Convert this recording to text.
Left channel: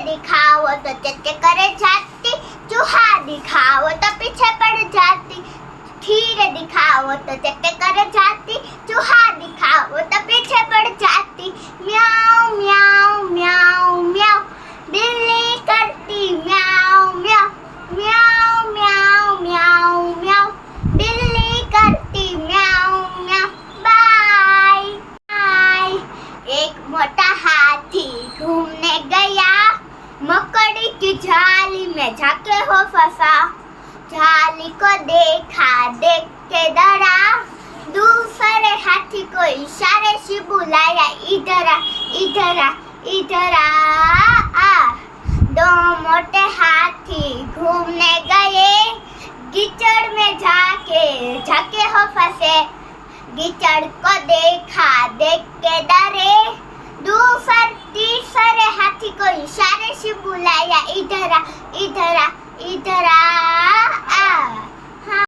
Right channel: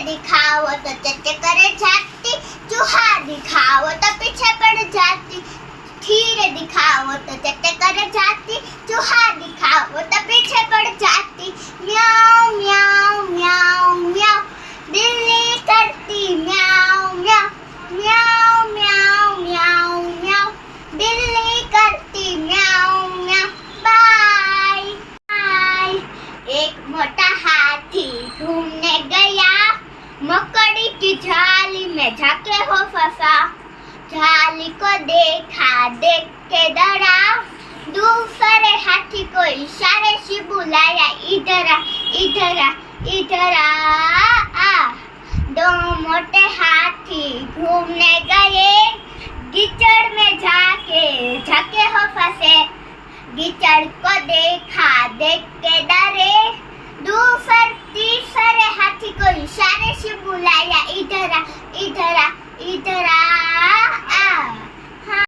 दिखाओ तो चचे करे जाती, चूहा दिखाओ तो पीछे पड़ जाती। धीरे दिखाओ तो चचे करे जाती, चूहा दिखाओ तो पीछे पड़ जाती। म्याऊ म्याऊ म्याऊ म्याऊ, बिल्ली करती म्याऊ म्याऊ। म्याऊ म्याऊ म्याऊ म्याऊ, बिल्ली करती म्याऊ म्याऊ। Bye bye. एक मोटा हाथी घूमने गया, मकड़ी की झाली में जाके हो फंसा। झाली को देखा, देख के डरा, दूसरे हाथी को इशारे से बुलाया, इधर आ इधर आ इधर आ। दो मोटे हाथी घूमने गए, कीचड़ में जाके हो फंसे। कीचड़ को देखा, देख के डरे, तीसरे हाथी को इशारे से बुलाया, इधर आ इधर आ इधर आ।